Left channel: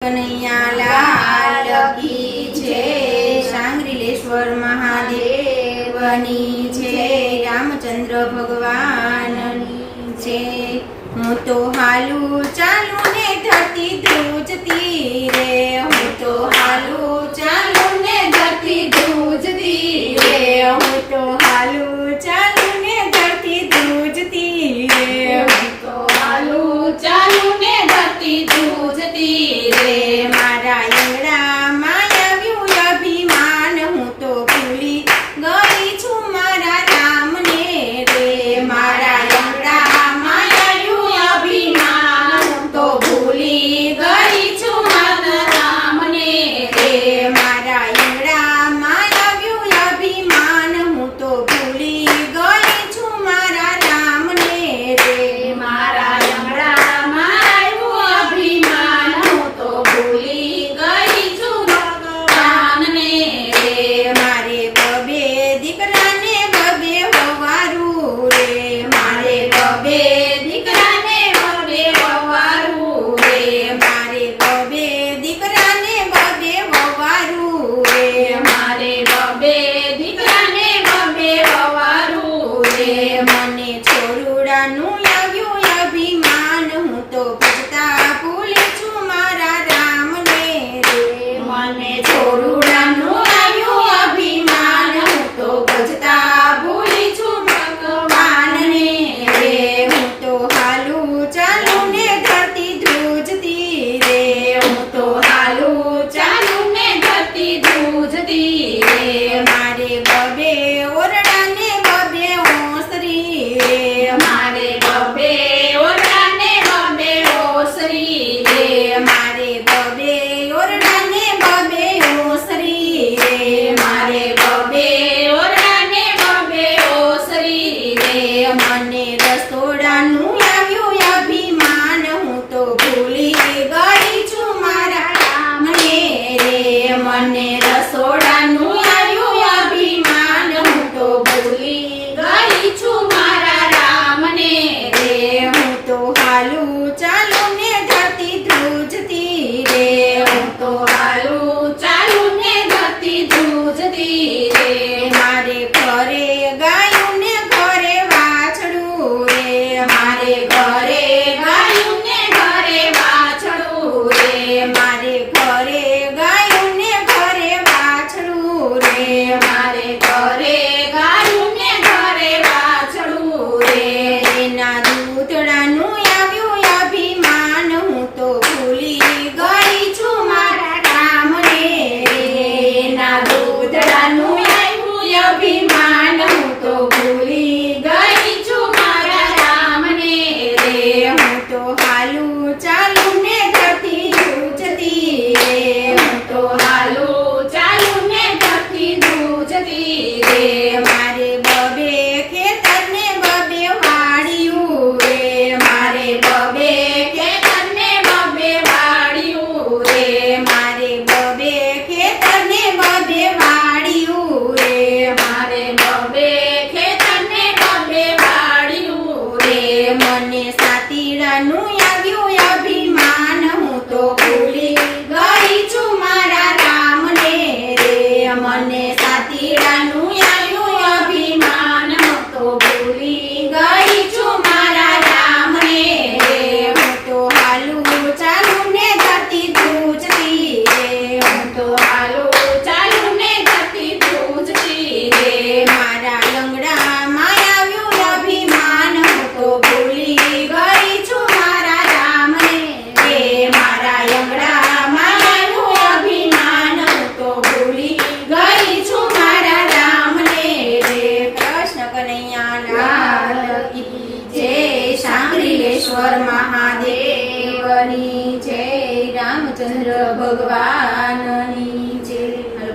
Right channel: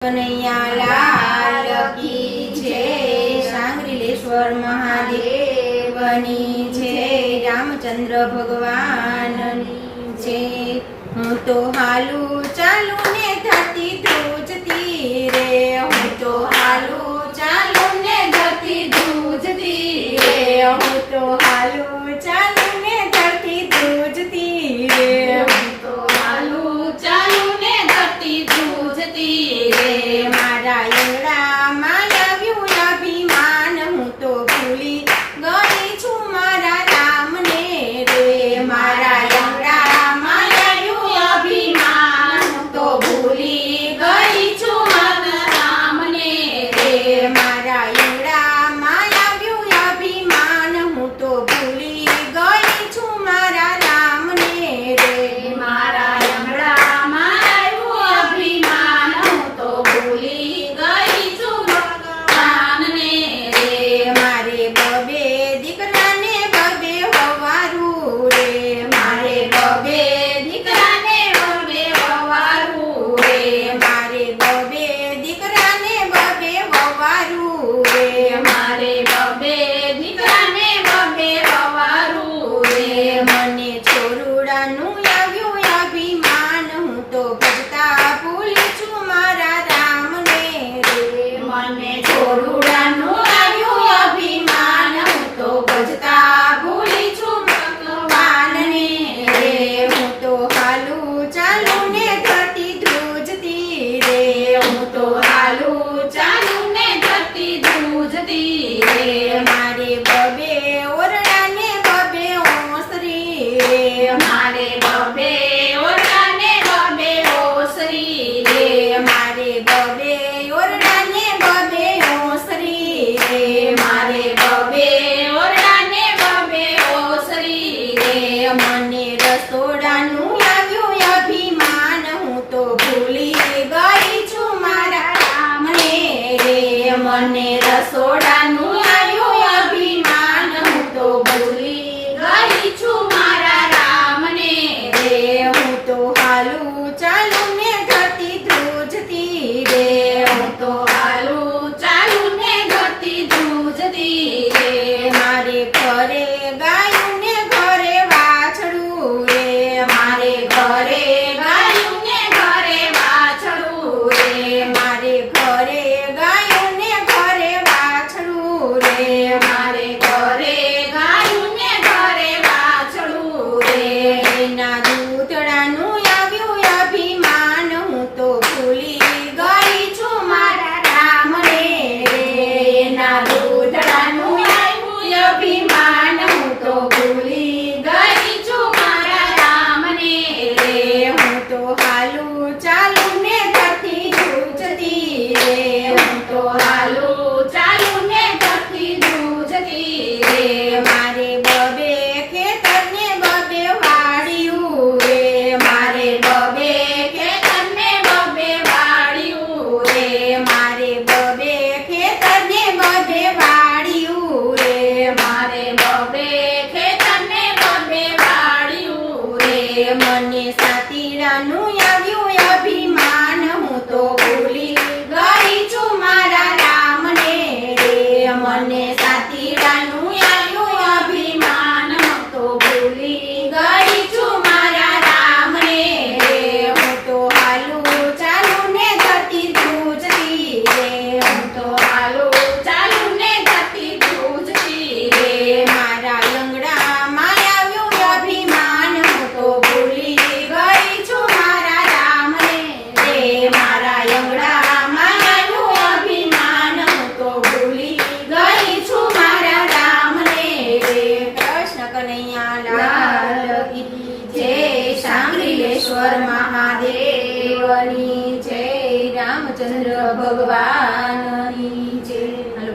કનૈયા લાલ કી જય, સાંગરીલેશ્વર મહાદેવની જય, રામચંદ્ર ભગવાનની જય। હું તો હાલું ચાલું ને ધરતી ધ્રુજતી રે, હું તો હાલું ચાલું ને ધરતી ધ્રુજતી રે, હું તો હાલું ચાલું ને ધરતી ધ્રુજતી રે, હું તો હાલું ચાલું ને ધરતી ધ્રુજતી રે। મારા આંગણામાં આવ્યું અભિમાન, હું તો ભૂલી ગઈ છું મારા રામને રે। મારા આંગણામાં આવ્યું અભિમાન, હું તો ભૂલી ગઈ છું મારા રામને રે। મારા આંગણામાં આવ્યું અભિમાન, હું તો ભૂલી ગઈ છું મારા રામને રે। મારા આંગણામાં આવ્યું અભિમાન, હું તો ભૂલી ગઈ છું ભગવાનને રે। મારે બબે દીકરાને બબે વવારું રે, મારે બબે દીકરાને બબે વવારું રે, મારે બબે દીકરાને બબે વવારું રે, મારે બબે દીકરાને બબે વવારું રે। મને છોરુડાનું આવ્યું અભિમાન, હું તો ભજતા ભૂલી છું મારા રામને રે। મને છોરુડાનું આવ્યું અભિમાન, હું તો ભજતા ભૂલી છું ભગવાનને રે। હું તો હાલું ચાલું ને ધરતી ધ્રુજતી રે, હું તો હાલું ચાલું ને ધરતી ધ્રુજતી રે। મારે બબે ઓરડાને બબે ઓસરી રે, મારે બબે ઓરડાને બબે ઓસરી રે, મારે બબે ઓરડાને બબે ઓસરી રે, મારે બબે ઓરડાને બબે ઓસરી રે। મને રસોડાનું આવ્યું અભિમાન, હું તો ભૂલી ગઈ છું મારા રામને રે। મને રસોડાનું આવ્યું અભિમાન, હું તો ભૂલી ગઈ છું મારા રામને રે। હું તો હાલું ચાલું ને ધરતી ધ્રુજતી રે, હું તો હાલું ચાલું ને ધરતી ધ્રુજતી રે। મારે ઘરે ગાયું ને ઘરે વાછડું રે, મારે ઘરે ગાયું ને ઘરે વાછડું રે, મારે ઘરે ગાયું ને ઘરે વાછડું રે, મારે ઘરે ગાયું ને ઘરે વાછડું રે। એના દૂધડાનું આવ્યું અભિમાન, હું તો ભૂલી ગઈ છું મારા રામને રે। એના દૂધડાનું આવ્યું અભિમાન, હું તો ભૂલી ગઈ છું મારા રામને રે। હું તો હાલું ચાલું ને ધરતી ધ્રુજતી રે, હું તો હાલું ચાલું ને ધરતી ધ્રુજતી રે। મારે બબે ખેતરને બબે વાળ્યું રે, મારે બબે ખેતરને બબે વાળ્યું રે, મારે બબે ખેતરને બબે વાળ્યું રે, મારે બબે ખેતરને બબે વાળ્યું રે। મને સાતીડાનું આવ્યું અભિમાન, હું તો ભૂલી ગઈ છું મારા રામને રે। મને સાતીડાનું આવ્યું અભિમાન, હું તો ભૂલી ગઈ છું મારા રામને રે। હું તો હાલું ચાલું ને ધરતી ધ્રુજતી રે, હું તો હાલું ચાલું ને ધરતી ધ્રુજતી રે। મારા લંગડામાં આવ્યું અભિમાન, હું તો ભૂલી ગઈ છું મારા રામને રે। મારા લંગડામાં આવ્યું અભિમાન, હું તો ભૂલી ગઈ છું મારા રામને રે। કૃષ્ણ કનૈયા લાલ કી જય, સાંગરીલેશ્વર મહાદેવની જય, રામચંદ્ર ભગવાન